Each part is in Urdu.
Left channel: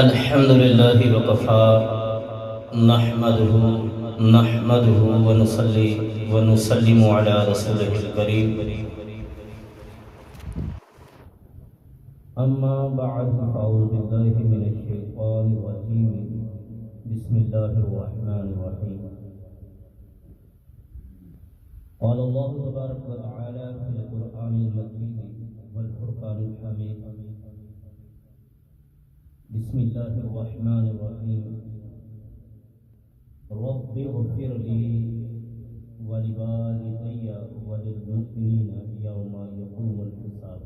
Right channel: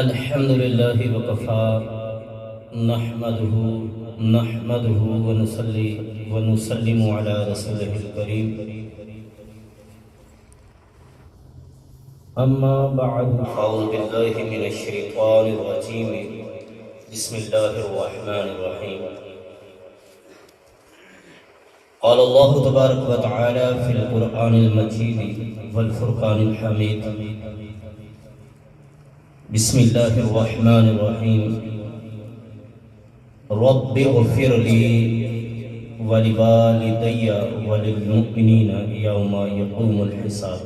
الحمد لله وكفى نحمده ونصلي ونسلم على رسوله الكريم. أما بعد فأعوذ بالله من الشيطان الرجيم. بسم الله الرحمن الرحيم. قال الله تبارك وتعالى في القرآن المجيد والفرقان الحميد. بسم الله الرحمن الرحيم. رب اغفر لي ولوالدي وللمؤمنين يوم يقوم الحساب.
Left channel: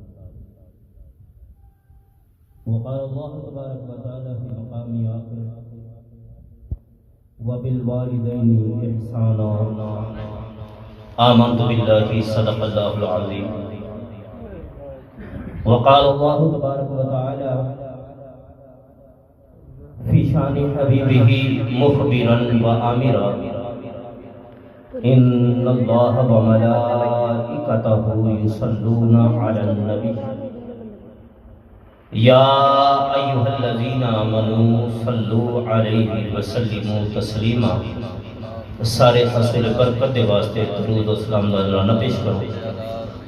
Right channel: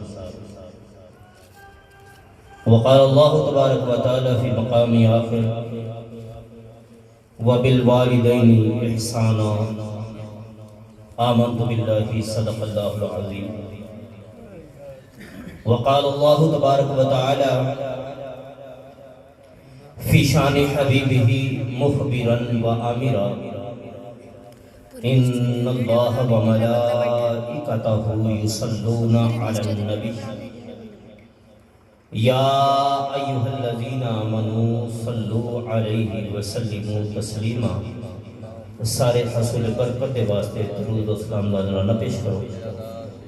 وقال الله تبارك وتعالى في مقام آخر وبالوالدين إحسانا. آمنت بالله صدق الله العظيم. وقال الله تبارك وتعالى في شان حبيبه مخبرا وآمرا إن الله وملائكته يصلون على النبي يا أيها الذين آمنوا صلوا عليه وسلموا تسلیما. سارے حاصل برکت دے واسطے درود و سلام دادرانہ پیش کرو.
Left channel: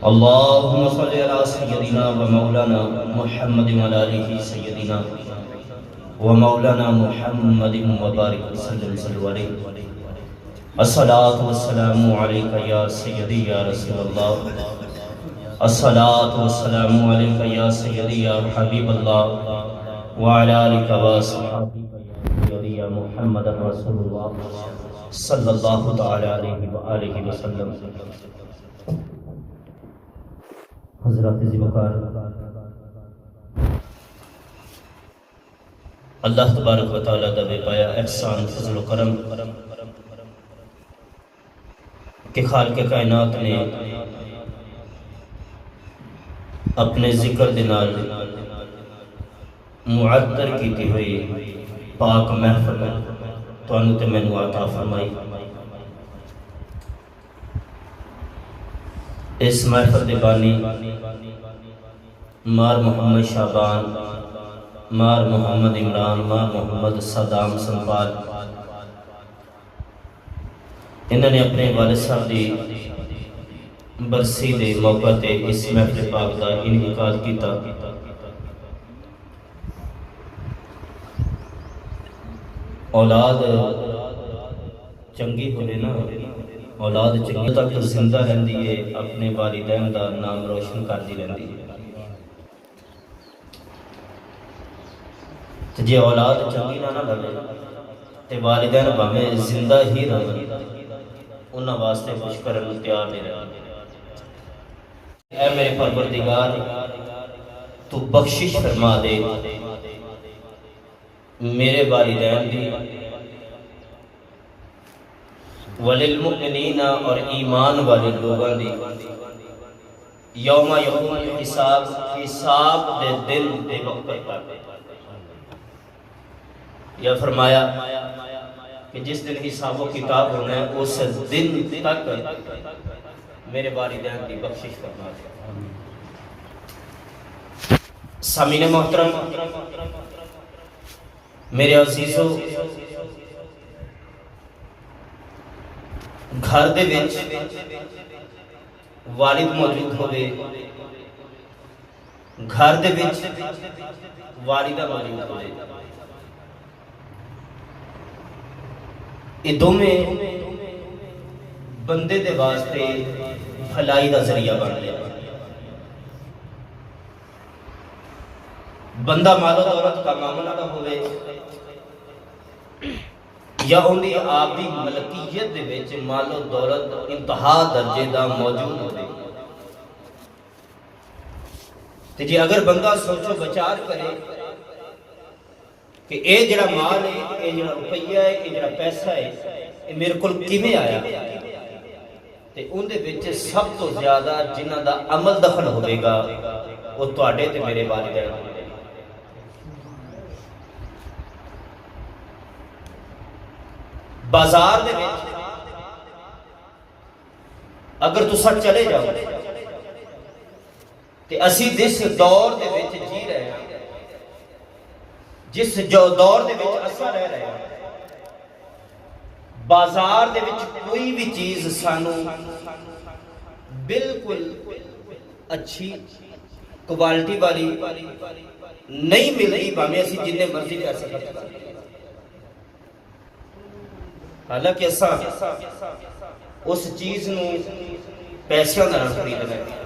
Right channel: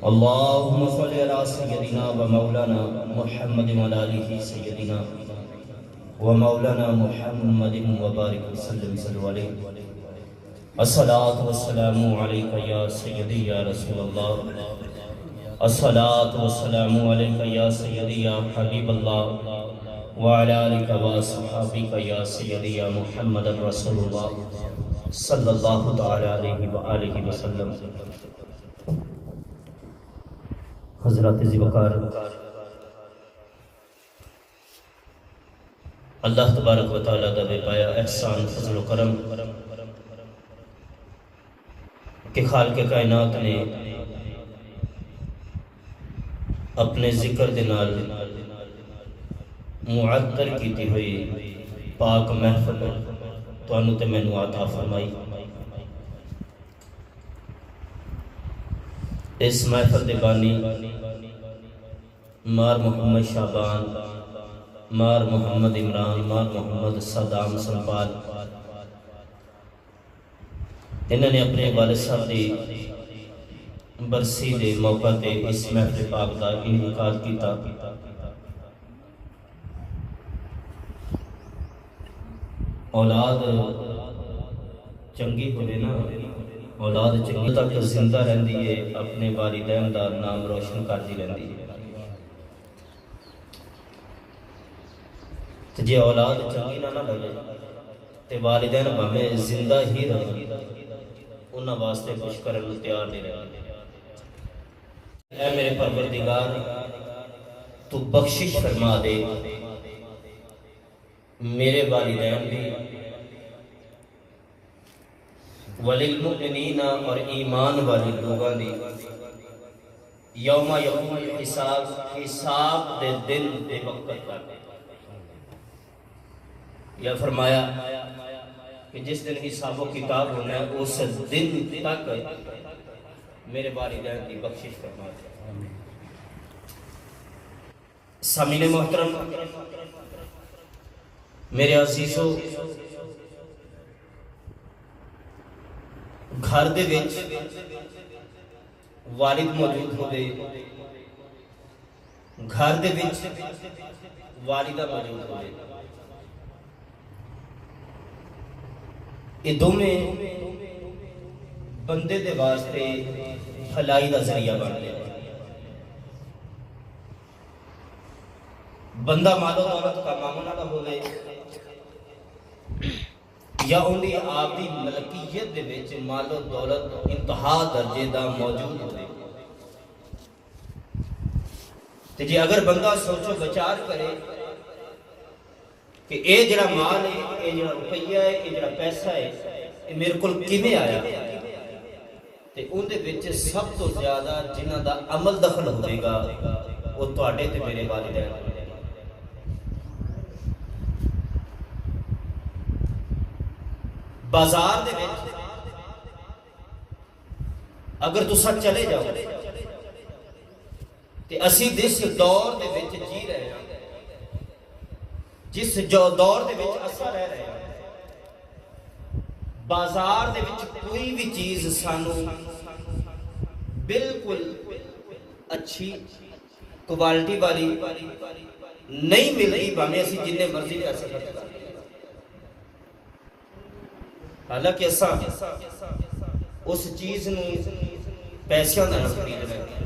اللہم صلی علی سیدنا و مولانا محمد و علیہ سیدنا و مولانا محمد مبارک وسلم صلی علیہ. الصلاة والسلام علیکہ یا سیدی یا رسول اللہ. الصلاة والسلام علیکہ یا سیدی یا حبیب اللہ وعلی آلکہ و صحابکہ یا سیدی یا محمد رسول اللہ صلی اللہ تعالی علیہ وآلہ وسلم. حضرات ذوالفقار، اللہ تبارک و تعالیٰ دا بے پایا احسان فضل و کرم کہ خالق کائنات نے اپنے ذکر دنال معطر کیتی ہوئی پاک محفل تو انہوں تے میں نو عطا فرمائی. اس محفل دے بانی مار محمد شعبان، مار محمد عمران، مار محمد صدام سنپال، انہوں نے اپنے والد صاحب دی برسی دے موقع تے اس محفل پاک دا انعقاد کیتا. اولاد چنگی ہوئے نا، اولاد چنگی تک زندہ رہندی ہے، اپنے والدین دا نام روشن کر دی رہندی ہے. جے اولاد چنگی نہ لگے تے والدین بھاویں زندہ ہی رہن انہاں واسطے کچھ کرن تیار نہیں رہے. اے میرے پروردگار تو بخشش فرما دے میرے والدین بھی، وللمؤمنین اور ایمان والے لوگوں دی یوم یقوم الحساب، حساب دے دن دے وقت پر. یا فرمایا کہ جس دن حساب و کتاب ہونا ہے اس دن تک میرے والدین کی بخشش فرما دے. سامعین محترم، میرے عزیزو، گھر دے وچ والد موجود ہوئے، گھر دے وچ والدہ موجود ہوئے، یہ دونوں بندے دے واسطے بھلائی دا ذریعہ بن گیا. بندہ مال و دولت کا مامنا نہ ہوئے یا اندی آپ دی ملکیت دے وچ مال و دولت انتہا درجے دا موجود ہوئے. تو جی اگر بندہ سوچو بچار کرے کہ اے جڑا مال ہے، اے جڑا روپیہ ہے، اے جڑا پیسہ ہے، اے میرے کل کیویں آیا، تے ان دے وچ سب تو زیادہ جنہاں دا عمل دخل ہوئے گا وہ تواڈے تے میرے والدین ہوئے. بازار دے وچ اگر تسا چلے جاؤ تے اسی جس دور دے وچ جی رہے ہیں، جس جو دور دے وچ اساں رہ رہے ہیں، بازار دے وچ کوئی بھی چیز سانو بالکل اچھی کوالٹی والی نہیں مل رہی، بھاویں اسی جن مرضی پیسے خرچ کر لیں۔ حالانکہ اساں اس چیز نو پیسوں نال خریدنا ہے،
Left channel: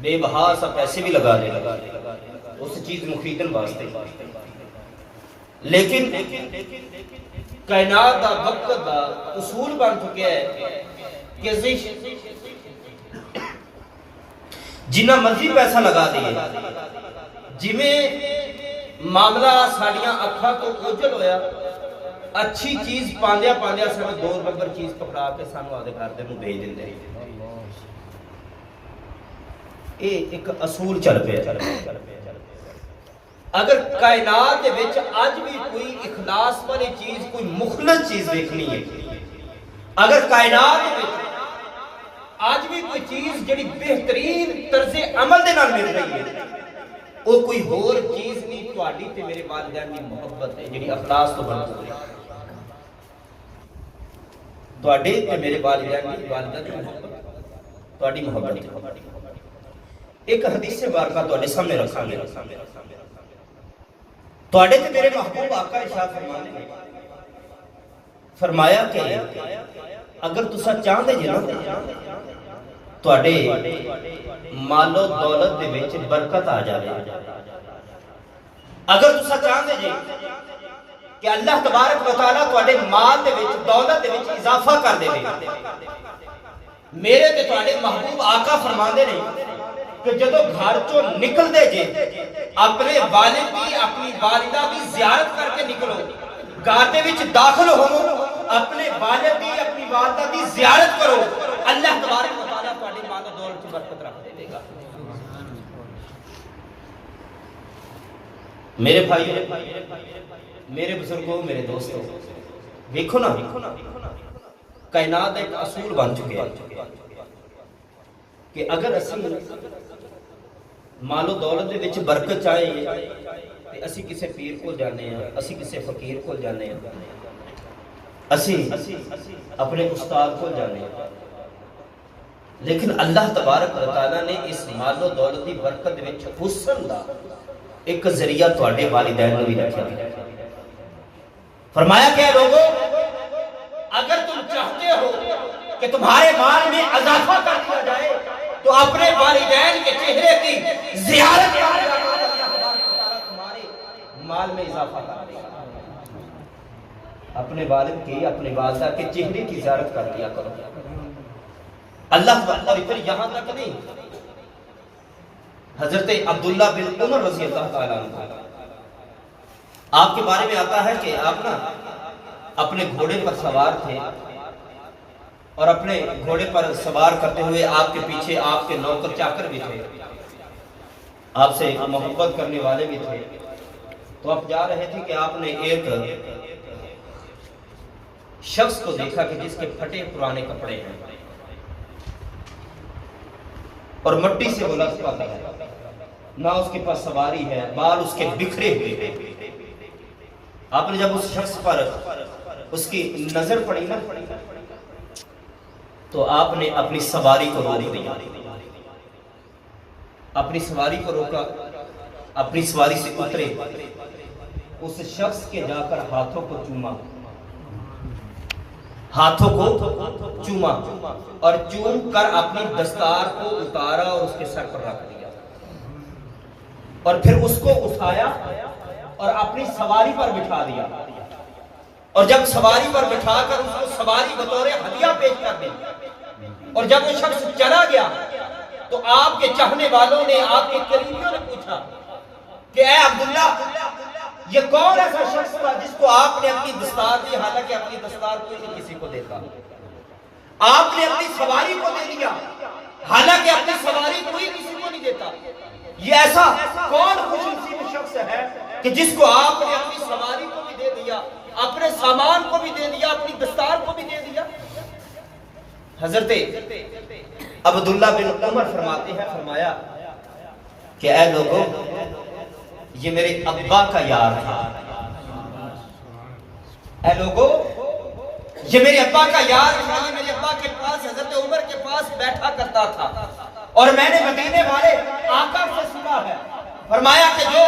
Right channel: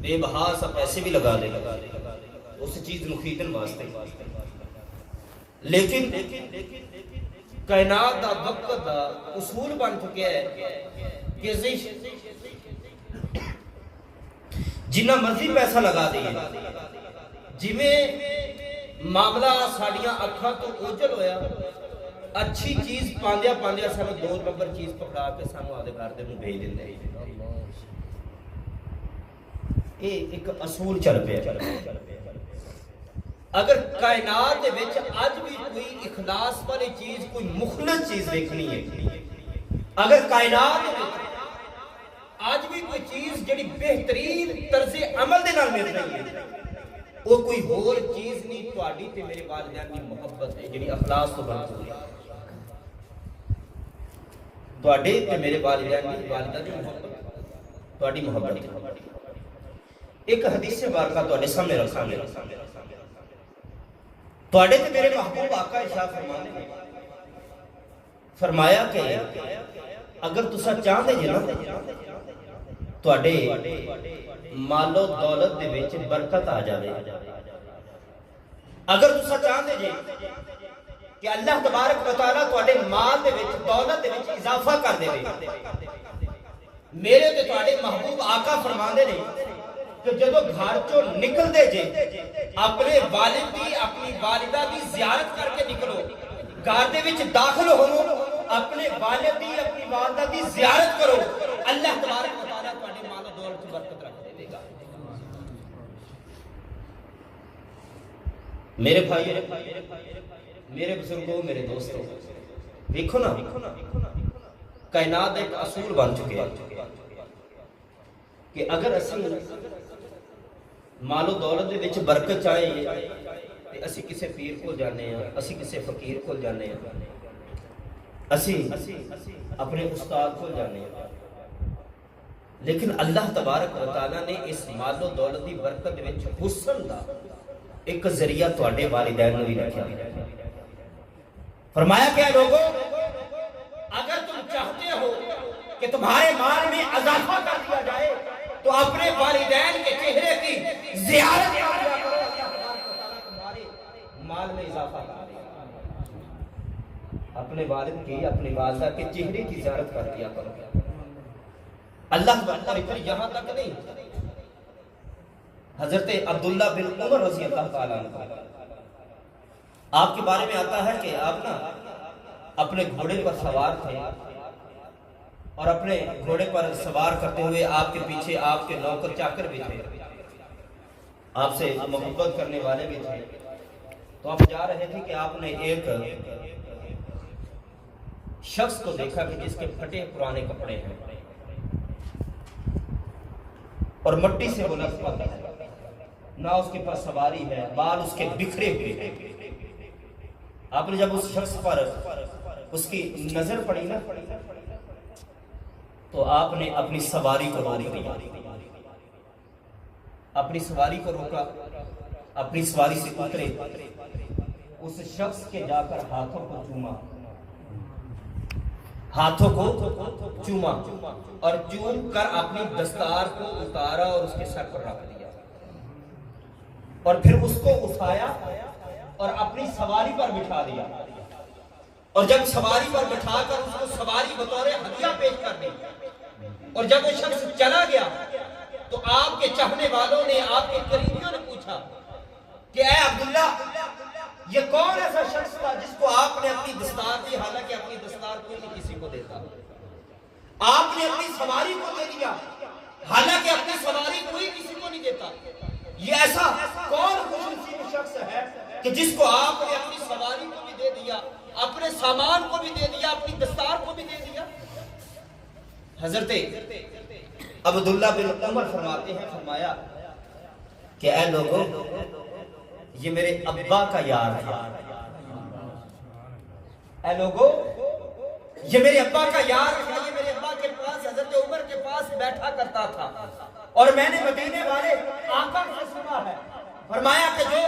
بے بہا سا پیسے بھی لگا دے اس چیز نو خریدن واسطے، لیکن کائنات دا وقت دا اصول بن چکا ہے کہ جنہ مرضی پیسہ لگا دئیے، جویں معاملہ ساڈیاں اکھاں تو اوجل ہویا، اچھی چیز پاندیا پاندیا سانو 2 نمبر چیز پکڑا کے سانو آدھے گھر دے نوں بھیج دیندے۔ یہ ایک اصول چل پیا۔ اگر کائنات دے وچ اج بھی کوئی اخلاص والی چیز، کوئی مخلص چیز دیکھنی ہے، اگر کائنات دے وچ آج بھی کوئی چیز جڑی بہترین طرز عمل دے نال مل رہی ہے، وہ کوئی ہور چیز نہیں، تہاڈی تے میرے والدین دی محبت ہے جڑی اخلاص تو بن چکی ہے۔ تہاڈے تے میرے والدین دی والدہ دی محبت، تہاڈی محبت ہے۔ ایک حدیث مبارکہ تہاڈے سامنے رکھاں گے، تہاڈے تے میرے محبوب آقا ارشاد فرماتے ہیں، فرمایا کہ اگر تساں چاہندے جے نا تہاڈے مال و دولت دے وچ برکت آ جاوے، اگر تساں چاہندے جے کہ اللہ تبارک و تعالیٰ تہاڈے مال دے وچ دولت دے وچ اضافہ کر دے، میرے تے تہاڈے محبوب آقا فرماندے نے کہ جدو گھر چوں نکل دے جے اپنے والد دی اپنی والدہ دی زیارت کر کے نکلو، گھر دے وچ داخل ہو اپنے والد دی اپنی والدہ دی زیارت کرو، اللہ تبارک و تعالیٰ تہاڈے مال و دولت وچ برکت رکھ دے گا۔ میرے بھائی، میرے بزرگوں، میرے دوستوں، دیکھو نا کائنات ایک اصول بن چکے ہیں کہ اگر اسی مال و دولت دے وچ برکت چاہیے تے اسی کسے پیر کو جانے ہیں، اسی کسے فقیر کو جانے ہیں، اسی اپنے استاد کو جانے ہیں، لیکن اللہ تبارک و تعالیٰ نے اس مال و دولت دی برکت وچ حسن دا ایک ذریعہ تہاڈے والدین نوں بھی رکھیا ہے۔ فرمایا کہ لوگوں، اگر تم چاہتے ہو کہ تمہارے مال میں اضافہ کر دیا جائے تو اپنے والدین کے چہرے کی زیارت کر دیا کرو، اللہ تبارک و تعالیٰ تمہارے مال میں اضافہ کر دے گا۔ اپنے والد کی، اپنی والدہ کے چہرے کی زیارت کر دیا کرو۔ اللہ اور پھر یہاں تک نہیں، حضرت عبداللہ بن عمر رضی اللہ تعالیٰ عنہ، آپ کے بارے میں آتا ہے کہ آپ نا اپنے گھوڑے پر سوار تھے، اور اپنے گھوڑے پر سوار کرتے ہوئے آپ کے پیچھے آپ کے نوکر چاکر بھی تھے، آپ سے محبت کرنے والے بھی تھے۔ تو آپ جا رہے تھے کہ آپ نے ایک شخص کو دیکھا کہ جس کے پھٹے پرانے کپڑے ہیں اور مٹی سے ملطفت ہے، نہ اس کے پاس سواری ہے، بال اس کے بکھرے ہوئے ہیں۔ آپ نے جب اس شخص پر اس کی نظر پڑی نا تو آپ نے اپنی سواری کو روک دیا، اپنی سواری کو روکا، اپنی سواری سے اترے، اس شخص کے جا کر ہاتھوں کو چوما، ہاتھوں کو چوما اور چوم کر اپنی دستار کو اتارا اور اس کے سر پر رکھ دیا، اور پھر اس کو اٹھایا اور اپنی سواری پر بٹھا دیا، اور جب سواری پر بٹھا کر اس کو سواری بطور ہدیہ پیش کر دی، اور جب وہ شخص چلا گیا تو آپ کے چاہنے والوں نے، آپ کے قریبیوں نے پوچھا کہ اے عبداللہ، یہ کون ایسا شخص تھا جس کو آپ نے اپنی دستار دی؟ حالانکہ اپنی دستار کوئی نہیں کسی کو دیتا، آپ نے اپنی سواری کو دے دیا، حالانکہ اپنی سواری کوئی کسی کو نہیں دیتا۔ یہ ایسا کون خوش نصیب شخص ہے کہ جس کو آپ نے اپنی سواری کو بھی دے دیا، اپنے سامان کو بھی دے دیا، اپنی دستار کو بھی دے دیا؟ حضرت عبداللہ بن عمر فرماتے ہیں، فرمایا کہ اے لوگوں یہ میرے ابا کا یار تھا، اے لوگوں یہ میرے ابا کا یار تھا، یہ میرے ابا کے پاس حضرت عمر کے پاس بیٹھا کرتا تھا، اور میں نے مدینے والے آقا سے سنا ہے، فرمایا کہ جو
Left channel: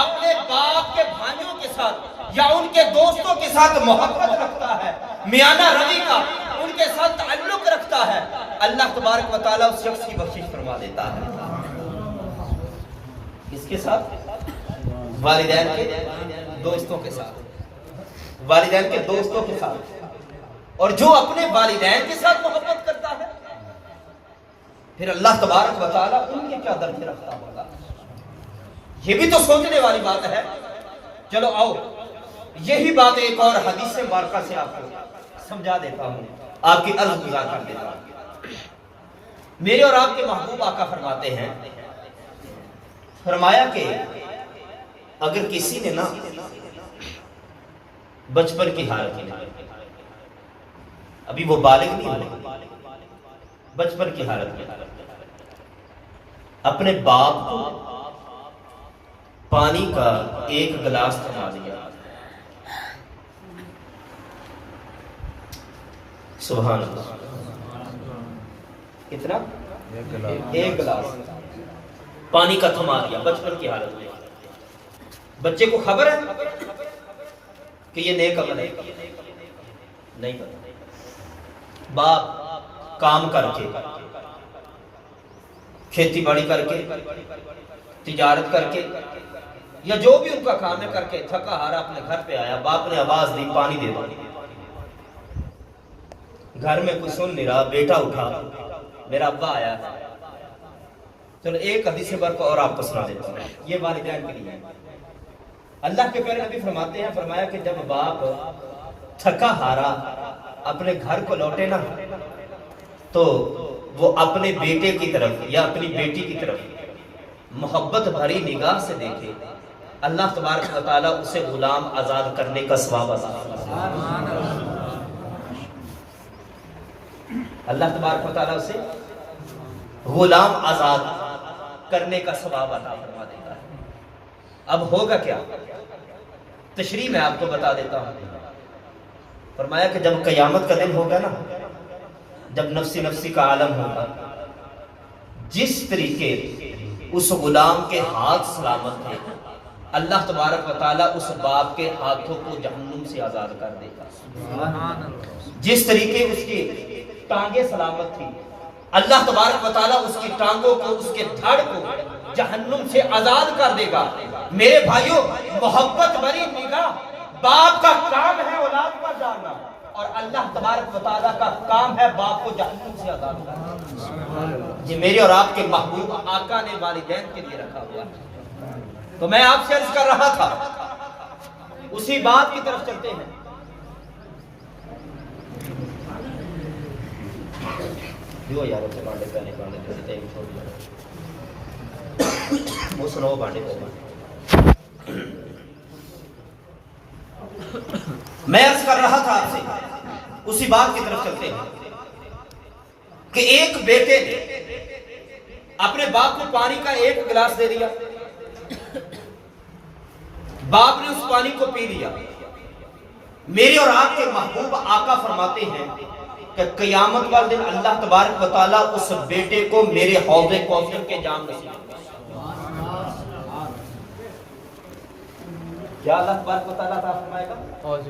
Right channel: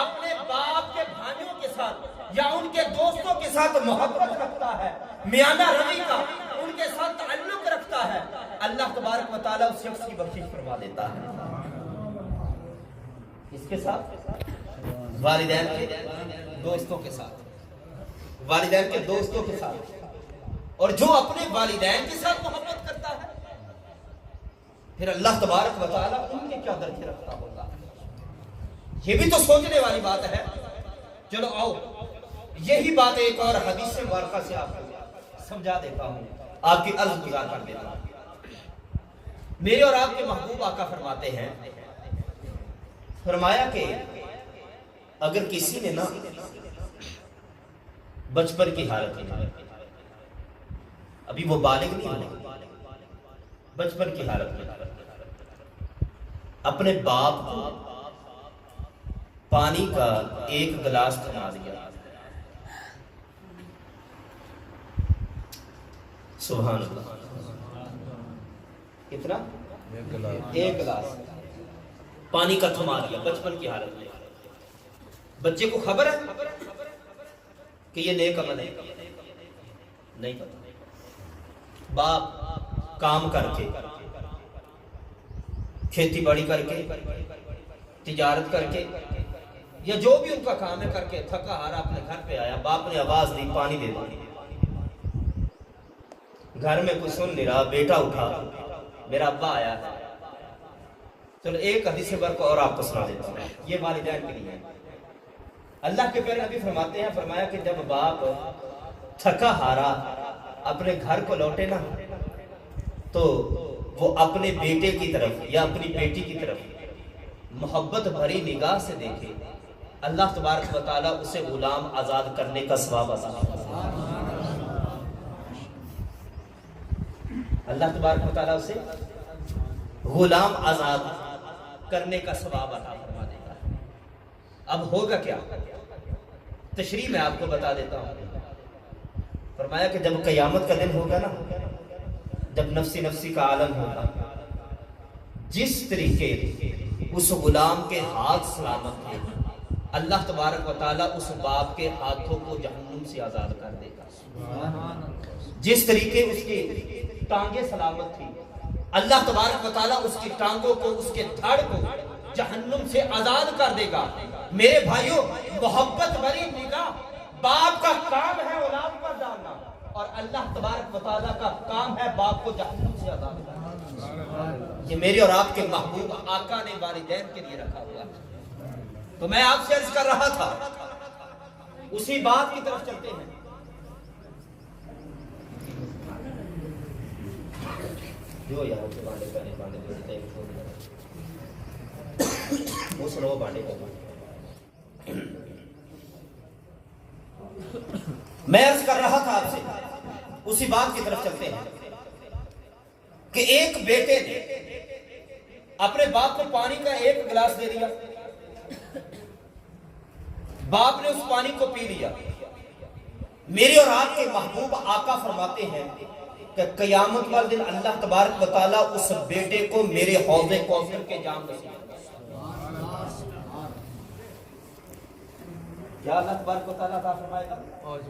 اپنے باپ کے بھائیوں کے ساتھ یا ان کے دوستوں کے ساتھ محبت رکھتا ہے، میانہ روی کا ان کے ساتھ تعلق رکھتا ہے، اللہ تبارک و تعالیٰ اس شخص کی بخشش فرما دیتا ہے۔ کس کے ساتھ؟ والدین کے دوستوں کے ساتھ، والدین کے دوستوں کے ساتھ۔ اور جو اپنے والدین کے ساتھ محبت کرتا ہے پھر اللہ تبارک و تعالیٰ ان کے کیا درجے رکھتا ہوگا، یہ بھی تو سوچنے والی بات ہے۔ چلو آؤ یہی بات ایک اور حدیث مبارکہ سے آپ کو سمجھا دیتا ہوں، آپ کی عرض گزار کر دیتا ہوں۔ میرے اور آپ کے محبوب آقا فرماتے ہیں، فرمایا کہ اگر کسی نے نا بچپن کی حالت میں، ابھی وہ بالغ نہیں ہوئے، بچپن کی حالت میں اپنے باپ کو پانی کا ایک گلاس تھما دیا، سبحان اللہ، کتنا؟ ایک گلاس پانی کا تھما دیا بچپن کی حالت میں۔ بچے کو خبر ہے کہ یہ نیک عمل ہے؟ نہیں پتا۔ باپ کام کر کے، کھیتی باڑی کر کے، تجارت کر کے، یا جو بھی ان کا کام ہے کر کے تھکا ہارا اپنے گھر پہ آیا، باپ نے آواز دی پانی دے دو، گھر میں کوئی سن نہیں رہا، بیٹا اٹھا، میرا ابا آیا ہے۔ چلو ایک حدیث برق اور آپ کو سنا دیتا ہوں، یہ والدین کے لیے ہے۔ اللہ کے پیارے نبی فرماتے ہیں، فرمایا کہ جب باپ تھکا ہارا اپنے گھر کو لوٹے نا تو وہ اپنے بیٹے کی طرف یا اپنی بیٹی کی طرف محبت بھری نگاہ سے دیکھے، اللہ تبارک و تعالیٰ اسے غلام آزاد کرنے کا ثواب عطا فرما دے گا۔ اللہ تبارک و تعالیٰ اسے غلام آزاد کرنے کا ثواب عطا فرما دے گا۔ اب ہوگا کیا؟ تشریح میں آپ کو بتا دیتا ہوں۔ فرمایا کہ جب قیامت کا دن ہوگا نا، جب نفسی نفسی کا عالم ہوگا، جس طریقے اس غلام کے ہاتھ سلامت تھے، اللہ تبارک و تعالیٰ اس باپ کے ہاتھوں کو جہنم سے آزاد کر دے گا۔ جس طریقے اس کی ٹانگیں سلامت تھی، اللہ تبارک و تعالیٰ اس کی ٹانگوں کو، اس کے دھڑ کو جہنم سے آزاد کر دے گا۔ میرے بھائیوں، محبت بھری نگاہ باپ کا کام ہے اولاد پر ڈالنا، اور اللہ تبارک و تعالیٰ کا کام ہے باپ کو جہنم سے آزاد کرنا۔ یہ میرے اور آپ کے محبوب آقا نے والدین کے لیے رکھا ہوا ہے۔ تو میں آپ سے عرض کر رہا تھا، اسی بات کی طرف چلتے ہیں۔ جو یاروں سے بانڈے پہنے بانڈے دیتے ہیں چھوڑ دیا وہ سنو بانڈے پہنے۔ میں عرض کر رہا تھا آپ سے، اسی بات کی طرف چلتے ہیں کہ ایک بیٹے نے اپنے باپ کو پانی کا ایک گلاس دے دیا، باپ نے اس پانی کو پی لیا۔ میرے اور آپ کے محبوب آقا فرماتے ہیں کہ قیامت والے دن اللہ تبارک و تعالیٰ اس بیٹے کو میرے حوض کوثر کے جام نصیب کرے گا۔ کیا اللہ تبارک و تعالیٰ عطا فرمائے گا؟ حوض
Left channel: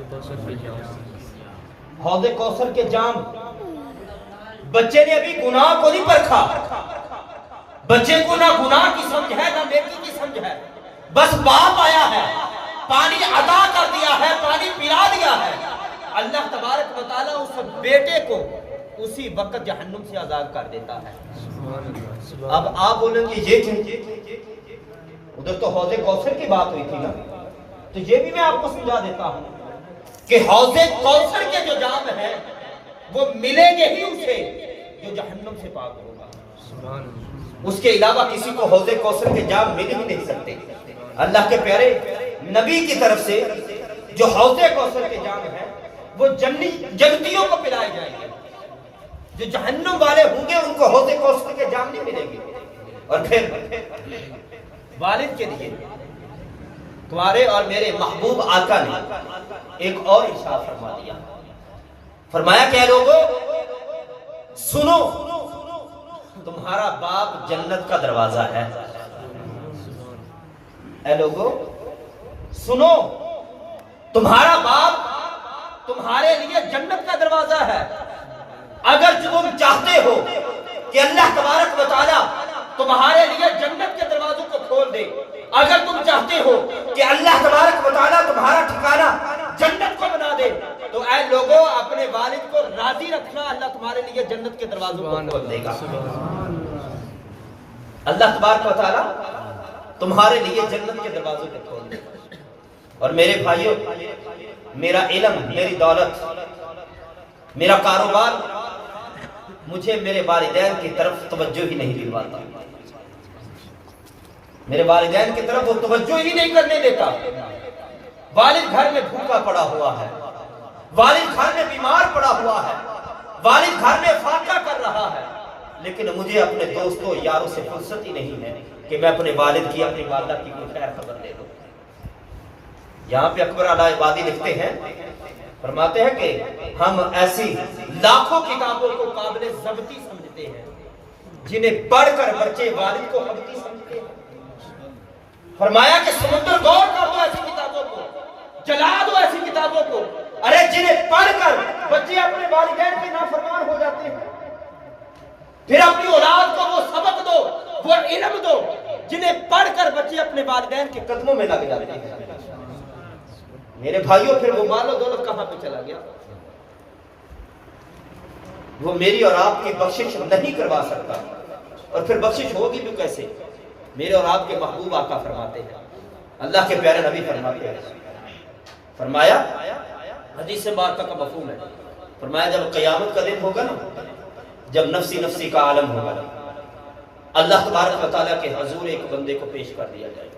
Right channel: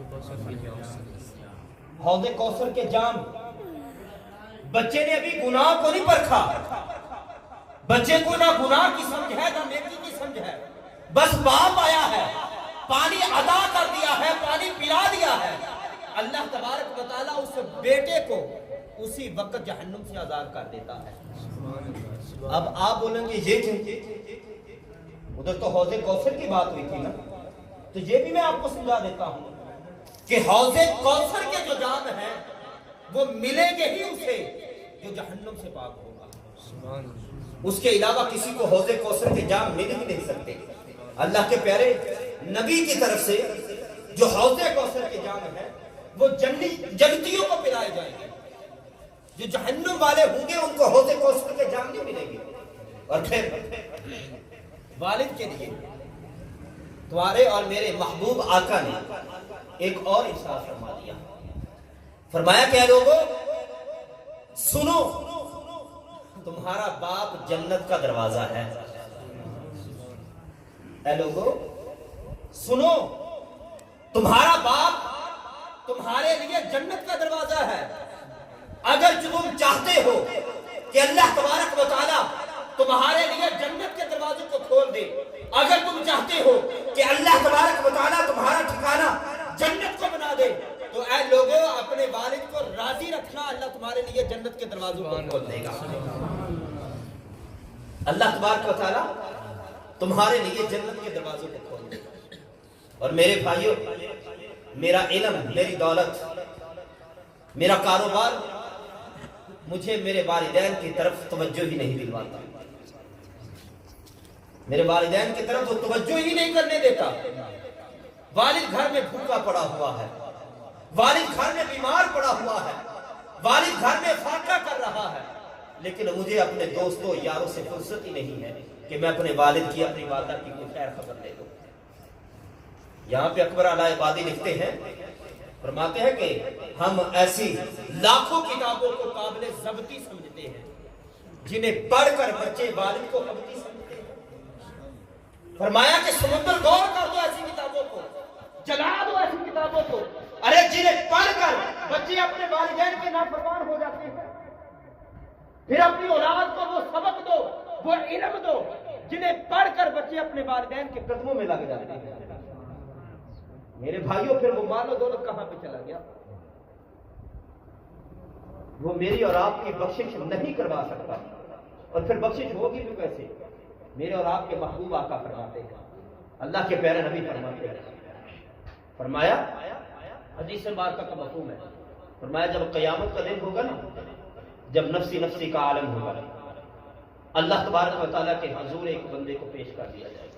کوثر کے جام۔ بچے نے ابھی گناہ کو نہیں پرکھا، بچے کو نہ گناہ کی سمجھ ہے نہ نیکی کی سمجھ ہے، بس باپ آیا ہے، پانی عطا کر دیا ہے، پانی پلا دیا ہے، اللہ تبارک و تعالیٰ اس بیٹے کو اسی وقت جہنم سے آزاد کر دیتا ہے۔ اب آپ بولیں گے یہ کیوں؟ ادھر تو حوض کوثر کی بات ہوئی تھی نا، تو یہ بھی میں آپ کو سمجھا دیتا ہوں کہ حوض کوثر کے جو جام ہیں وہ ملیں گے ہی اسے جو جہنم سے پاک ہوگا۔ اس کے علاوہ کسی کو حوض کوثر کے جام مل بھی نہیں سکتے۔ اللہ کے پیارے نبی کی طرف سے جو حوض کوثر کے جام ہیں وہ جنتیوں کو پلائے جائیں گے، جو جہنم والے ہوں گے ان کو حوض کوثر کے جام نہیں ملیں گے۔ اور پھر والد کے لیے تمہارے اور میرے محبوب آقا نے ایک اور ارشاد فرما دیا. فرمایا کہ اے لوگوں سنو، تمہارا باپ جنت کا دروازہ ہے. اے لوگوں سنو، تمہارا باپ تمہارے لیے جنت کا دروازہ ہے. اگر تم چاہتے ہو کہ اللہ تبارک و تعالیٰ تمہارے لیے جنت کے دروازوں کو کھول دے، اگر تم چاہتے ہو کہ اللہ تبارک و تعالیٰ تمہارا ٹھکانہ جنت کو بنا دے، تو اے لوگوں اپنے والد کو راضی رکھنا، اللہ تمہارے لیے جنت کے دروازوں کو کھول دے گا. اللہ تبارک و تعالیٰ تمہارے لیے جنت کے دروازوں کو کھول دے گا. اور میرے بھائیوں، میرا علم، میری دولت، میرا کاروبار مجھے میرے والدین کی طرف توجہ ہی نہیں دلواتا. میرے والدین کی طرف وہ توجہ ہی نہیں کرنے دیتا. والد گھر میں بھوکا پڑا ہوا ہے، والد گھر میں بیمار پڑا ہوا ہے، والد گھر میں فاقہ کر رہا ہے، لیکن مجھے اپنے دوستوں یاروں سے فرصت ہی نہیں ہے کہ میں اپنے والد کی، اپنی والدہ کی کوئی خیر خبر لے لوں. یہاں پہ اکبر علی عبادی لکھتے ہیں، فرماتے ہیں کہ ہم ایسی لاکھوں کتابوں کو قابل ضبطی سمجھتے ہیں جنہیں پڑھ کر بچے والد کو حبتی سمجھتے ہیں. فرمایا کہ سمندر غور کر دو ایسی کتابوں کو، جلا دو ایسی کتابوں کو، ارے جنہیں پڑھ کر بچے اپنے والدین کے نافرمان ہو جاتے ہیں. پھر اپنی اولاد کو وہ سبق دو، وہ علم دو جنہیں پڑھ کر بچے اپنے والدین کے قدموں میں لگ جاتے ہیں. میرے بھائیوں پھر وہ مال و دولت کہاں پہ چلا گیا؟ وہ میری اور آپ کی بخشش نہیں کروا سکتا، اور پھر بخشش ہوگی بھی کیسے؟ میرے اور آپ کے محبوب آقا فرماتے ہیں، اللہ کے پیارے نبی فرماتے ہیں، فرمایا حدیث مبارکہ کا مفہوم ہے، فرمایا جب قیامت کا دن ہوگا نا، جب نفسی نفسی کا عالم ہوگا نا، اللہ تبارک و تعالیٰ کے حضور ایک بندے کو پیش کر دیا جائے گا.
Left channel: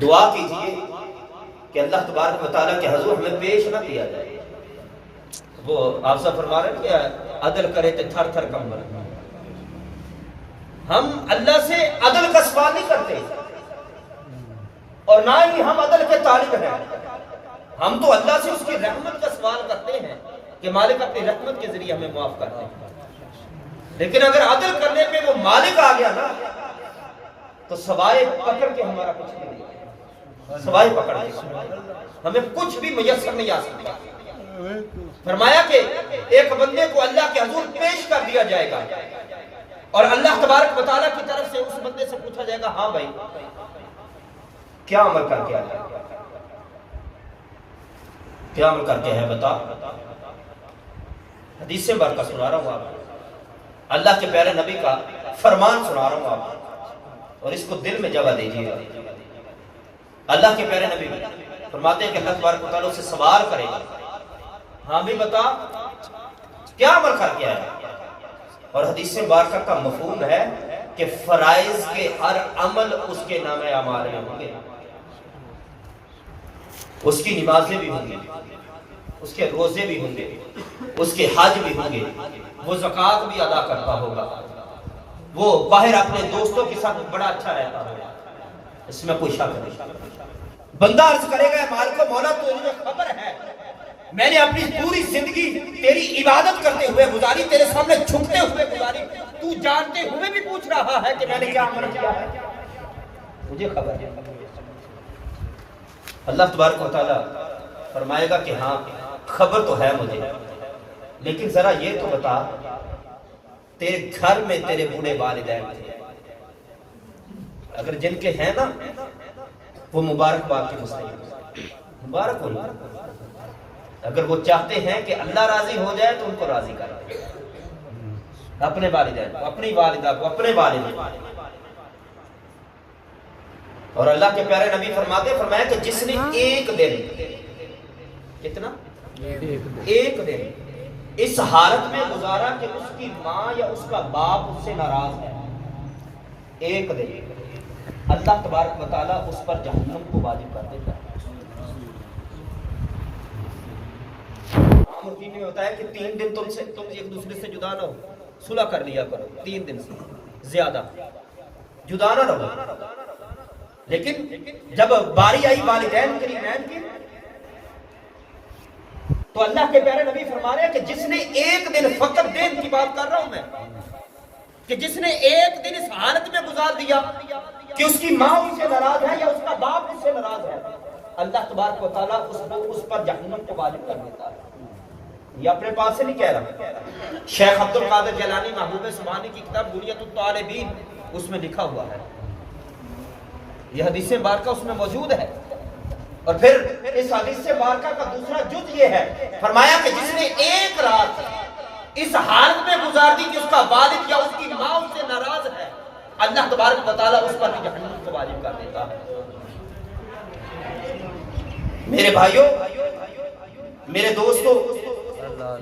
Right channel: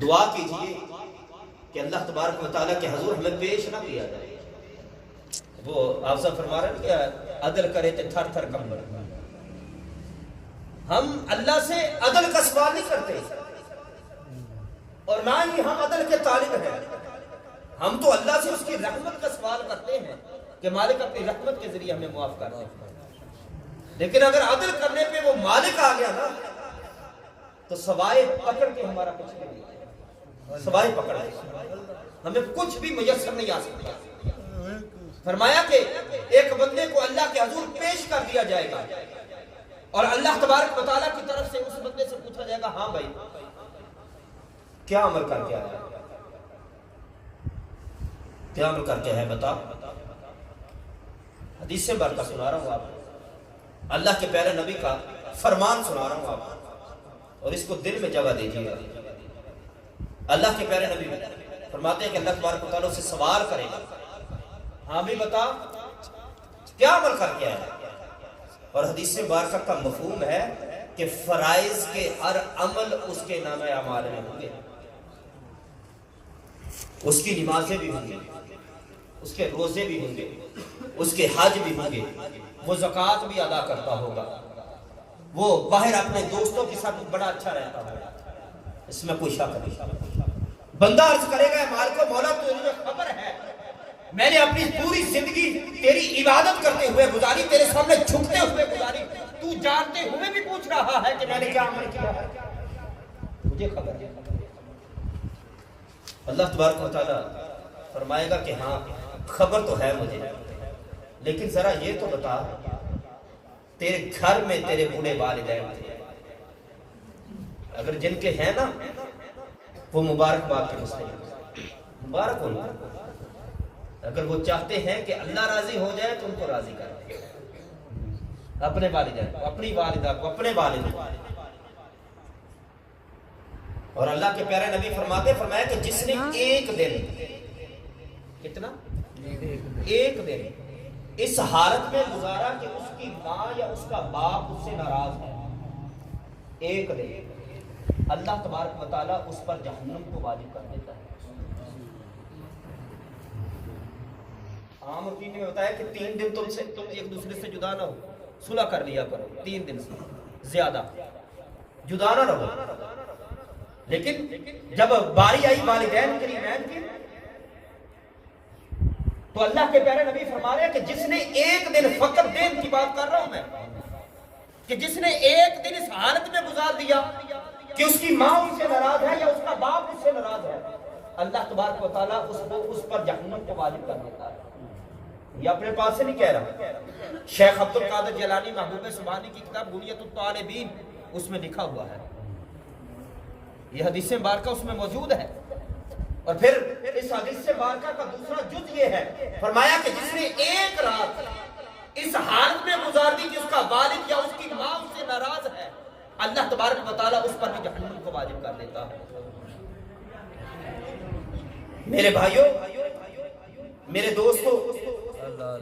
دعا کیجئے کہ اللہ تبارک و تعالیٰ کے حضور ہمیں پیش نہ کیا جائے. وہ آپ سے فرما رہے ہیں کہ عدل کرے تو تھر تھر کمبل. ہم اللہ سے عدل کا سوال نہیں کرتے، اور نہ ہی ہم عدل کے طالب ہیں. ہم تو اللہ سے اس کی رحمت کا سوال کرتے ہیں کہ مالک اپنی رحمت کے ذریعے ہمیں معاف کر دیں. لیکن اگر عدل کرنے پہ وہ مالک آ گیا نا، تو سوائے پکڑ کے ہمارا کچھ نہیں ہے. سوائے پکڑ کے ہمیں کچھ بھی میسر نہیں آ سکتا. فرمایا کہ ایک بندے کو اللہ کے حضور پیش کر دیا جائے گا، اور اللہ تبارک و تعالیٰ کی طرف سے اس بندے سے پوچھا جائے گا، ہاں بھائی کیا عمل کر کے آیا ہے؟ کیا عمل کر کے ہے بتا. حدیث سے برکت سنا رہا ہوں آپ کو، اللہ کے پیارے نبی کا فرمان سنا رہا ہوں آپ کو، اور اس کو دل میں جگہ دیجیے گا. اللہ کے پیارے نبی فرماتے ہیں کہ اللہ تبارک و تعالیٰ سے سوال کرے گا، ہاں بھی بتا کیا عمل کر کے آیا. اور حدیث مبارکہ کا مفہوم ہے کہ فرائض کے ہر عمل اس کے نام اعمال میں ہوں گے. اس کی نمازیں بھی ہوں گی، اس کے روزے بھی ہوں گے، اس کے حج بھی ہوں گے، وہ زکوٰۃ بھی ادا کرتا ہوگا، وہ باہر اپنے دوستوں کے ساتھ بڑا اچھا رہتا ہوگا، اس میں کوئی شک نہیں. بندہ عرض کرے گا مالک کو، مولا تو مجھے خبر ہے میں نے اپنی پوری زندگی تیری عبادت کرتے ہوئے گزاری، تیرے سامنے جھکتے ہوئے گزاری، تو جانتے ہوئے بھی پوچھ رہا ہے کہ میں نے کیا عمل کیا ہے؟ مجھے خبر ہے. اللہ تبارک و تعالیٰ فرمائے گا کہ ہاں خبر تو ہے مجھے، لیکن ذرا یہ تو بتا تیرے گھر میں تیرے بوڑھے والدین تھے، اگر جن کے ہیں نا وہ مبارکباد کے مستحق، مبارک ہو. اگر وہ چاہتے ہیں کہ اللہ راضی ہو جائے تو ان کو راضی کر دے، اپنے والدین کو، اپنی والدہ کو، اپنے والد کو. اور اللہ کے پیارے نبی فرمایا کہ جس نے ایک دن، کتنا؟ ایک دن اس حالت میں گزارا کہ اس کی ماں یا اس کا باپ اس سے ناراض ہے، ایک دن اللہ تبارک و تعالیٰ اس پر جہنم کو واجب کر دیتا ہے. عام روٹین میں ہوتا ہے کہ 3 دن تم ایک دوسرے سے جدا نہ ہو، صلح کر لیا کرو، 3 دن سے زیادہ. جدا نہ رہو. لیکن جب باری آئی والدین کریمین کی تو اللہ کے پیارے نبی فرما رہے ہیں کہ جس نے ایک دن، فقط دن کی بات کر رہا ہوں میں، کہ جس نے ایک دن اس حالت میں گزار دیا کہ اس کی ماں اس سے ناراض ہے یا اس کا باپ اس سے ناراض ہے، اللہ تبارک و تعالیٰ اس پر جہنم کو واجب کر دیتا ہے. یہ اپنے پاس سے نہیں کہہ رہا. شیخ عبد القادر جیلانی محبوب سبحانی کی کتاب بنیۃ الطالبین اس میں لکھا ہوا ہے، یہ حدیث مبارکہ اس میں موجود ہے. اور پھر اس حدیث مبارکہ کا دوسرا جز یہ ہے، فرمایا کہ جس نے ایک رات اس حالت میں گزار دی کہ اس کا والد یا اس کی ماں اس سے ناراض ہے، اللہ تبارک و تعالیٰ اس پر بھی جہنم کو واجب کر دیتا ہے. میرے بھائیوں، میرے دوستوں،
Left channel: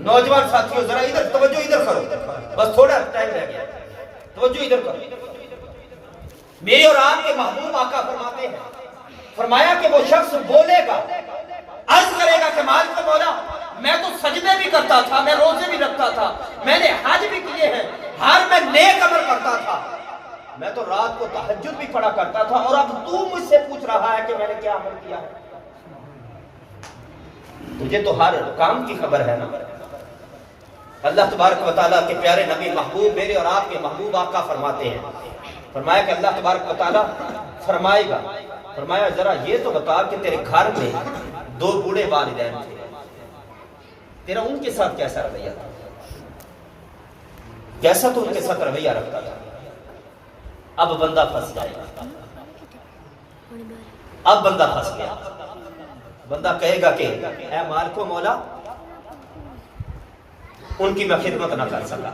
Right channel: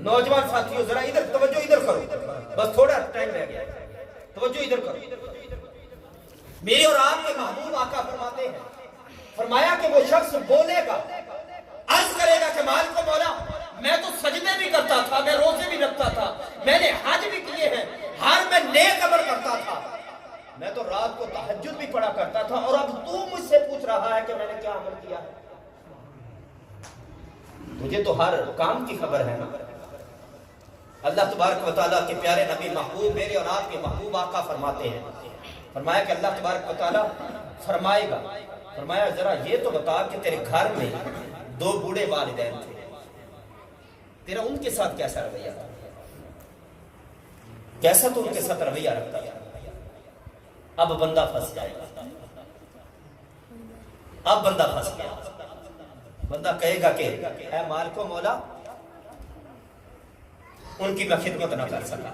نوجوان ساتھیوں، ذرا ادھر توجہ ادھر کرو، بس تھوڑا ٹائم رہ گیا، توجہ ادھر کرو. میرے اور آپ کے محبوب آقا فرماتے ہیں، فرمایا کہ وہ شخص بولے گا، عرض کرے گا کہ مالک و مولا، میں تو سجدے بھی کرتا تھا، میں روزے بھی رکھتا تھا، میں نے حج بھی کیے ہیں، ہر میں نیک عمل کرتا تھا، میں تو رات کو تہجد بھی پڑھا کرتا تھا، اور اب تو مجھ سے پوچھ رہا ہے کہ میں نے کیا عمل کیا ہے؟ تجھے تو ہر کام کی خبر ہے نا. اللہ تبارک و تعالیٰ کے پیارے نبی محبوب، میرے اور آپ کے محبوب آقا فرماتے ہیں، فرمایا کہ اللہ تبارک و تعالیٰ فرمائے گا، فرمایا ذرا یہ تو بتا کہ تیرے گھر میں 2 بوڑھے والدین تھے، تیرا ان کے ساتھ کیسا رویہ تھا؟ کیسا تو ان کے ساتھ رویہ رکھتا تھا؟ اب بندہ پھنس جائے گا، اب بندہ پھنس گیا. بندہ کہے گا کہ اے مالک و مولا، ان کی میں خدمت نہ کر سکا،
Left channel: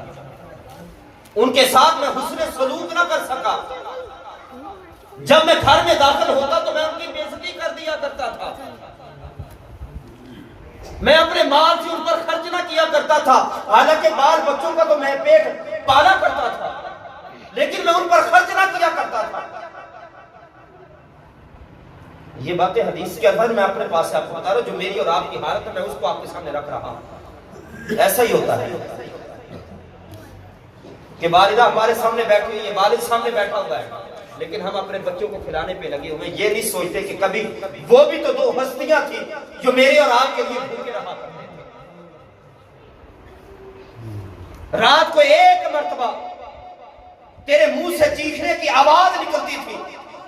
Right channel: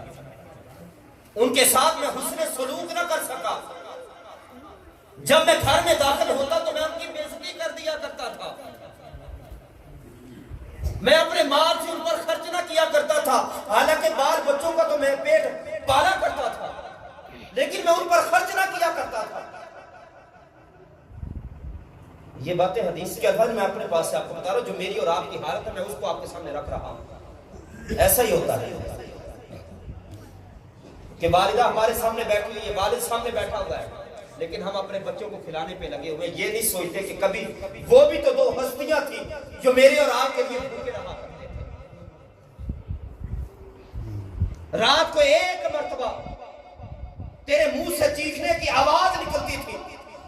ان کے ساتھ میں حسن سلوک نہ کر سکا، جب میں گھر میں داخل ہوتا تو میں ان کی بے عزتی کر دیا کرتا تھا، میں اپنے مال سے ان پر خرچ نہ کیا کرتا تھا، حالانکہ بال بچوں کا تو میں پیٹ پالا کرتا تھا، لیکن میں ان پر خرچ نہ کیا کرتا تھا. یہ باتیں حدیث کے الفاظ میں اپنے پاس سے آپ کو بتا رہا ہوں، جو میری اور آپ کی حالت ہے میں اس کو آپ کے سامنے رکھ رہا ہوں. ایسا ہی ہوتا ہے کہ والدہ ہمارے سامنے بیٹھی ہوئی ہے، والد سامنے بیٹھا ہوا ہے، لیکن ہم اپنے بچوں کو کھلانے پہ لگے ہوئے، یہ نہیں سوچتے کہ کبھی وہ بھی تو 2 ہستیاں تھیں جو میرے اور آپ کے لیے بھوکے رہا کرتے تھے. رات کو ایک مرتبہ تیرے منہ سے چیخنے کی آواز نکلتی تھی،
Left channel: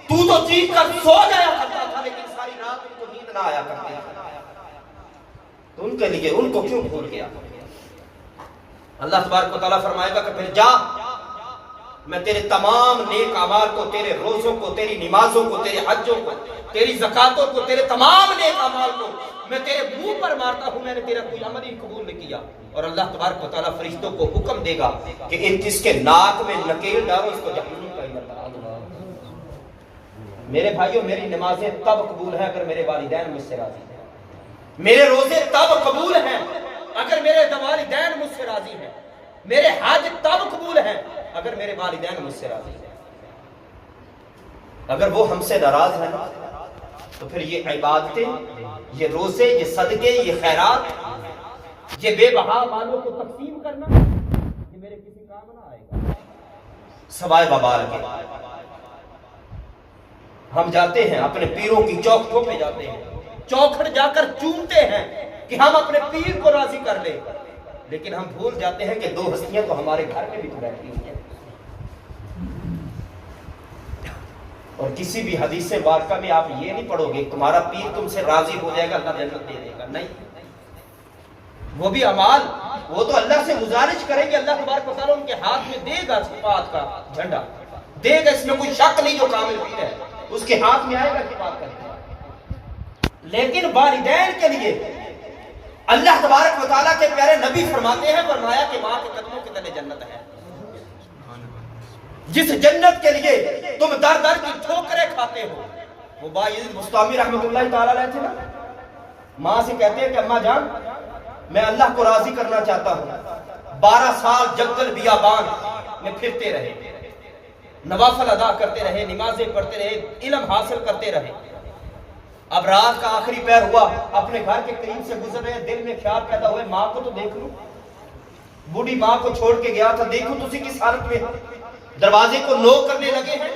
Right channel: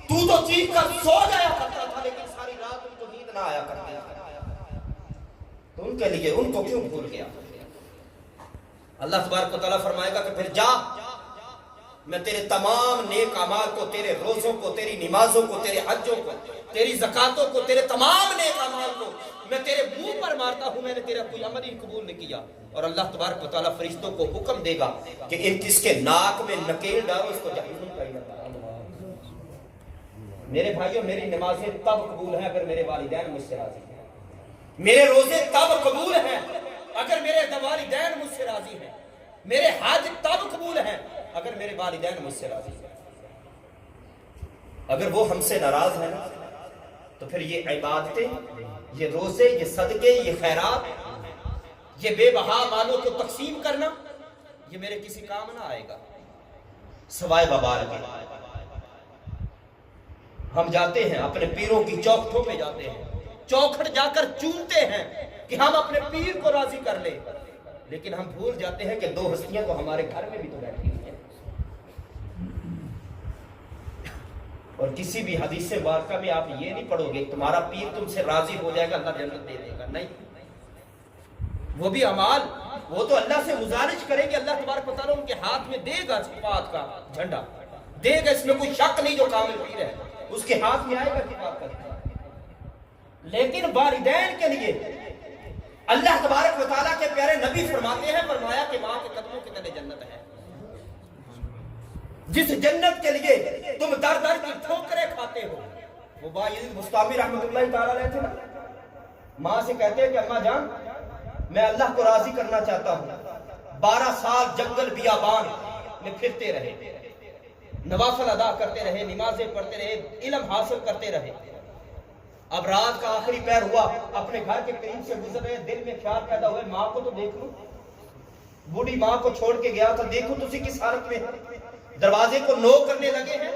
تو چیخ کر سو جایا کرتا تھا، لیکن ساری رات ان کو نیند نہ آیا کرتی تھی. تو ان کے لیے ان کو کیوں بھول گیا؟ اللہ تبارک و تعالیٰ فرمائے گا کہ پھر جا، میں تیرے تمام نیک اعمال کو، تیرے روزوں کو، تیری نمازوں کو، تیرے حجوں کو، تیری زکاتوں کو، تیرے تمام نیک اعمال کو میں تیرے منہ پر مارتا ہوں، میں نے تیرا کوئی عمل ہی قبول نہیں کیا. اور اللہ تبارک و تعالیٰ فرشتوں کو حکم دے گا کہ ان جس کے ناک میں نکیل ڈالو اس کو جہنم کا ایندھن بنا دو. میرے بھائیوں، میری نمازیں تب قبول ہیں اگر میرے والدین مجھ سے راضی ہیں، میرے روزے تب قبول ہیں اگر میرے والدین مجھ سے راضی ہیں، میرے حج تب قبول ہیں اگر میرے والدین مجھ سے راضی ہیں. اگر وہ ہم سے ناراض ہیں تو پھر یہ عبادتیں، یہ روزے، یہ صدقے، یہ خیرات، یہ بے بہا مالوں کو تقسیم کرنا، یہ میرے کسی کام نہ آئے گا سوائے وبال کے. ہم جاتے ہیں اپنے پیروں کی چوکھٹوں پہ جاتے ہیں، چوکھٹ جا کر چومتے ہیں کہ ہم اپنے پیر کو راضی کر لیں، لیکن ہم بھول جاتے ہیں کہ 2 ہستیاں تو ہمارے گھر میں بھی تو بیٹھی ہوئی ہیں. اور کسی بھی حدیث مبارکہ میں آپ یہ نہیں پڑھو گے تمہارا پیر تم سے راضی ہو جائے گا اللہ جنت دے دے گا، نہیں. وہ بھی اعمال، وہ تو اللہ سے گزارش کریں گے، اللہ تبارک و تعالیٰ ان کے ہاتھ میں دے گا صفات کا جھنڈا دے گا، اس میں کوئی شک نہیں، جو کامل پیر ہے اس کے ہاتھ میں آئے گا کہ بات کرے گا. لیکن والدین کے لیے اللہ تبارک و تعالیٰ کے پیارے نبی فرماتے ہیں، فرمایا کہ ماں کے قدموں کے تلے جنت ہے. جس جنت کے لیے تم در در کی ٹھوکریں کھاتے ہو. وہ باعزت بستامی رحمۃ اللہ تعالیٰ علیہ تھے نا، ماں سے کہتے ہیں کہ اماں جان میں اللہ کو راضی کرنا چاہتا ہوں. 12 سال جنگل بیابان میں پھرتے رہے، نوافل ادا کرتے رہے، نمازیں پڑھتے رہے، علم حاصل کرتے رہے. اب رات کا آخری پہر ہوا، اپنے گھر کے قریب سے گزر رہے، دل میں خیال پیدا ہوئے ماں کو تو دیکھ لوں، بوڑھی ماں کو چھوڑ کے گیا تھا، دیکھو تو اسی کس حالت میں. دروازے کو نوک کرنے لگے ہیں،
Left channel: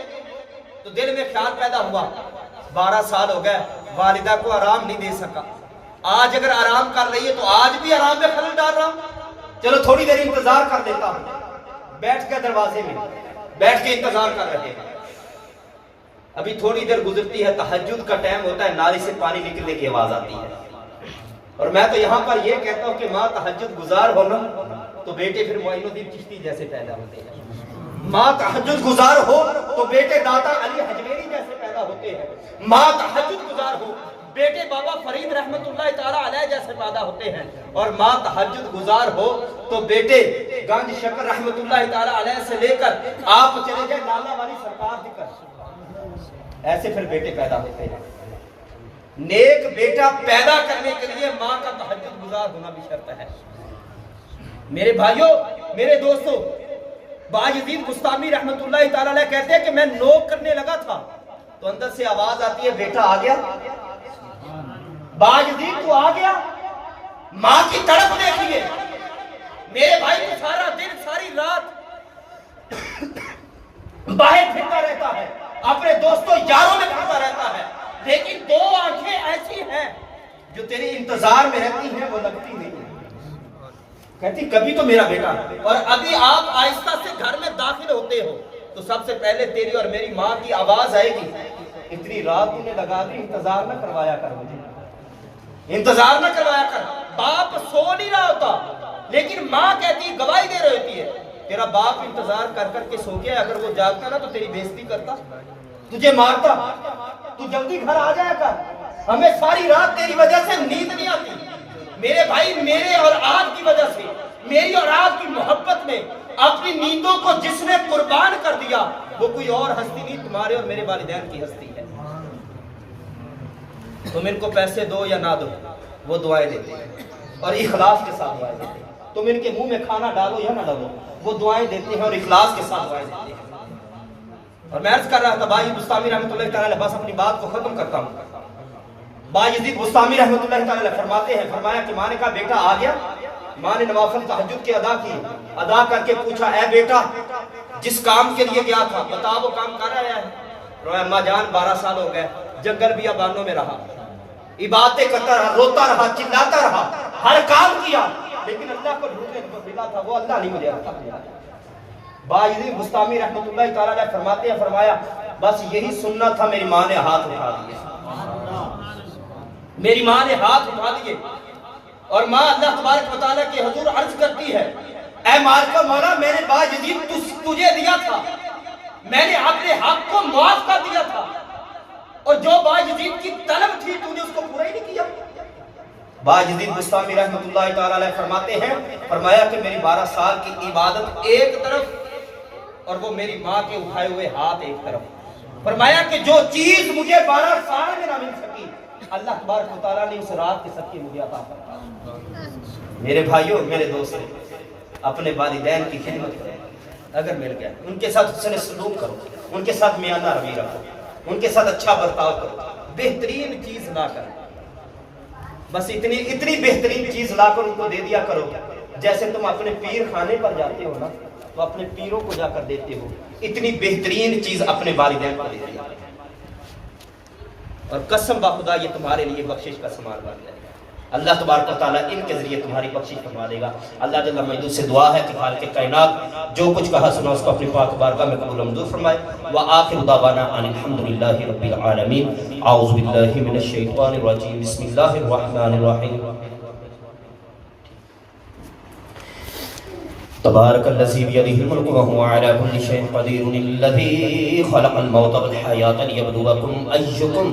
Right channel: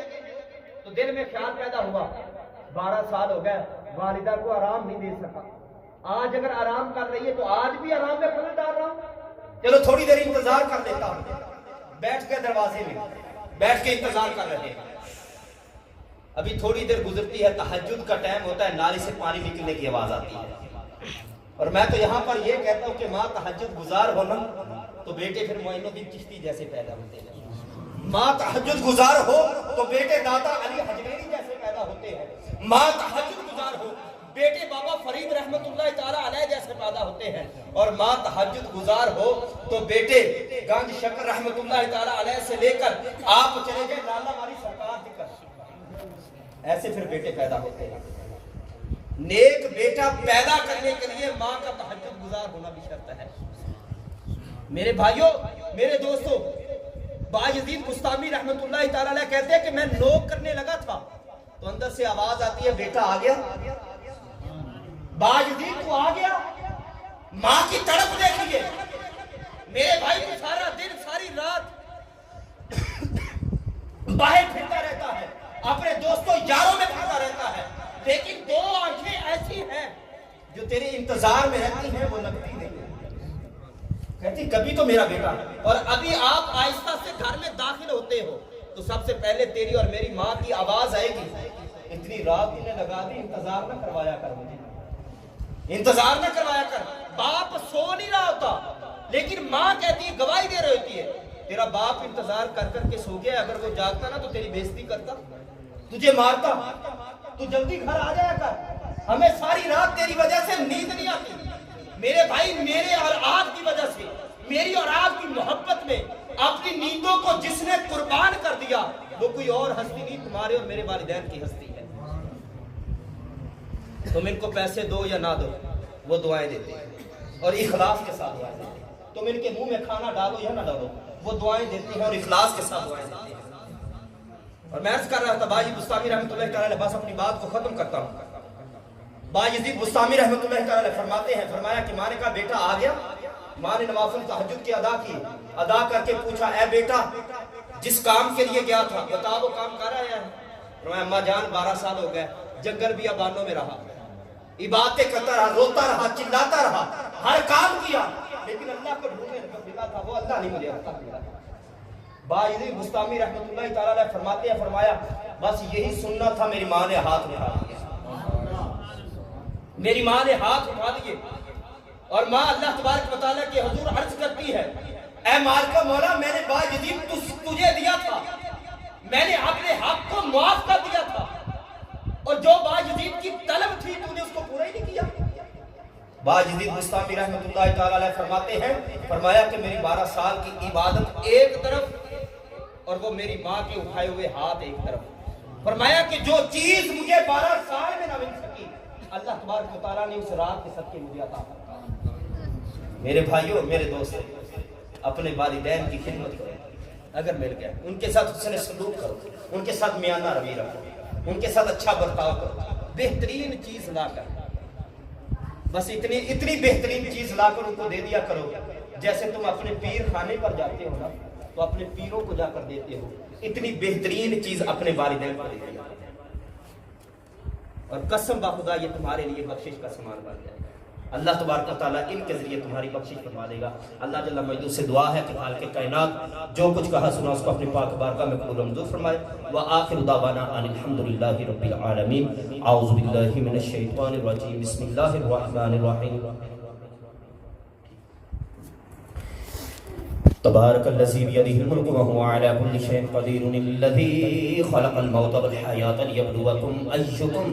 دل میں خیال پیدا ہوا 12 سال ہو گئے والدہ کو آرام نہیں دے سکا، آج اگر آرام کر رہی ہے تو آج بھی آرام میں خلل ڈال رہا ہوں، چلو تھوڑی دیر انتظار کر دیتا ہوں۔ بیٹھ کے دروازے میں بیٹھ کے انتظار کر رہے ہیں، ابھی تھوڑی دیر گزرتی ہے، تہجد کا ٹائم ہوتا ہے، نالی سے پانی نکلنے کی آواز آتی ہے، اور میں تو یہاں پر یہ کہتا ہوں کہ ماں تہجد گزار ہونا تو بیٹے پھر معین الدین چشتی جیسے پیدا ہوتے ہیں، ماں تہجد گزار ہو تو بیٹے دادا علی حجویری جیسے پیدا ہوتے ہیں، ماں تہجد گزار ہو بیٹے بابا فرید رحمت اللہ تعالی علیہ جیسے پیدا ہوتے ہیں، اور ماں تہجد گزار ہو تو بیٹے گنج شکر رحمت اللہ تعالی علیہ سے لے کر آپ چلے جائیں لالا والی سرکار تک، ایسے پھر بیٹے پیدا ہوتے ہیں۔ نیک بیٹا پیدا کرنے کے لیے ماں کا تہجد گزار ہونا بھی شرط ہے۔ میرے بھائیوں، میرے دوستوں، باجدید بستامی رحمت اللہ تعالی علیہ کہتے ہیں کہ میں نوک کرنے لگا تھا تو اندر سے آواز آتی ہے بیٹا آ گیا، باجدید تو آ گیا، ماں کی تڑپ دیکھیے۔ میرے بھائی کو سارا دن ساری رات باہر پھرتا رہتا ہے، اپنے دوستوں یاروں میں پھرتا رہتا ہے، لیکن 2 آنکھیں ایسی ہیں جو تیری انتظار میں رہتی ہیں، وہ لگتی نہیں، کہتی کبھی تو میرا بیٹا۔ اور ابھی آپ آہستہ سے گھر میں داخل ہوتے ہو تو سب سے پہلے تیری اور میری ماں کی آواز آئے گی، اتنی رات انہیں لگا دی، انتظار نہ کروایا کر مجھے، انتظار نہ کروایا کر۔ باپ سو نہیں رہا ہوتا لیکن ماں کہتی ہے، گواہی دے رہی ہوتی ہے، تیرا باپ انتظار کر کر کے سو گیا، اگر وہ جاگتا نا تو تیری بےزتی کرتا، تجھے مارتا، تو جلدی گھر آ جایا کر، ہمیں ساری رات تیری وجہ سے نیند نہیں آتی۔ میرے بھائی، میرے اور آپ کی وجہ سے، میری اور آپ کی محبت میں اپنی نیندوں کو جس نے قربان کر دیا وہ کوئی اور ہستی نہیں، تمہارے اور میرے والدین کی ہستی ہے۔ تم ان کو پیسے دو یا نہ دو وہ دعائیں دیتے ہیں، اور اخلاص کے ساتھ دعائیں دیتے ہیں، تم ان کے منہ میں کھانا ڈالو یا نہ ڈالو وہ دعائیں دیتے ہیں اور اخلاص کے ساتھ دعائیں دیتے ہیں۔ اور میں عرض کر رہا تھا باجی بستامی رحمۃ اللہ تعالی علیہ، بس اپنی بات کو ختم کرتا ہوں۔ باجدید بستامی رحمۃ اللہ تعالی علیہ فرماتے ہیں، فرمایا کہ ماں نے کہا بیٹا آ گیا، ماں نے نوافل تہجد کے ادا کی، ادا کر کے پوچھا اے بیٹا جس کام کے لیے گیا تھا بتا وہ کام کر آیا ہے؟ فرمایا اماں جان 12 سال ہو گئے، جنگل بیابانوں میں رہا، عبادتیں کرتا رہا، روتا رہا، چلاتا رہا، ہر کام کیا، لیکن اللہ کو ڈھونڈنے کو ملا تھا، وہ اللہ نہیں مجھے رکھا دیا۔ باجدید بستامی رحمۃ اللہ تعالی علیہ فرماتے ہیں، فرمایا بس یہی سننا تھا، میری ماں نے ہاتھ اٹھا دیے، میری ماں نے ہاتھ اٹھا دیے، اور ماں اللہ تبارک و تعالیٰ کے حضور عرض کرتی ہے اے مالک مولا میں نے باجدید تجھے دیا تھا، میں نے اپنے حق کو معاف کر دیا تھا، اور جو باجدید کی طلب تھی تو نے اس کو پورا ہی نہیں کیا۔ باجدید بستامی رحمۃ اللہ تعالی علیہ فرماتے ہیں، فرمایا کہ میری 12 سال کی عبادت ایک طرف اور وہ میری ماں کے اٹھائے ہوئے ہاتھ ایک طرف، فرمایا کہ جو چیز مجھے 12 سال میں نہ مل سکی اللہ تبارک و تعالیٰ نے اس رات کے صدقے مجھے عطا فرمایا۔ میرے بھائیوں، میرے دوستوں، اپنے والدین کی خدمت کرو، اگر مل گیا ان کے ساتھ حسن سلوک کرو، ان کے ساتھ میانہ روی رکھو، ان کے ساتھ اچھا برتاؤ کرو، بہترین چیز لا کر، بس اتنی بہترین چیز لا کر ان کو دے دیا کرو، جیسے تم اپنے پیر خانے پر جاتے ہو نا تو اپنے پیروں کو جا کر دیتے ہو، اتنی بہترین چیز اپنے والدین کو دے دیا، اور قسم بخدا یہ تمہارے لیے بخشش کا سامان بن جائے گا۔ اللہ تبارک و تعالیٰ ان کے ذریعے تمہاری بخشش فرما دے گا۔ اللہ جل مجدہ سے دعا ہے کہ خالق کائنات جو کچھ کہا سنا اس کو اپنی پاک بارگاہ میں قبول و منظور فرمائے۔ وآخر دعوانا ان الحمدللہ رب العالمین۔ اعوذ باللہ من الشیطان الرجیم، بسم اللہ الرحمن الرحیم۔ تبارک الذی بیدہ الملک وہو علی کل شیء قدیر، الذی خلق الموت والحیاة لیبلوکم ایکم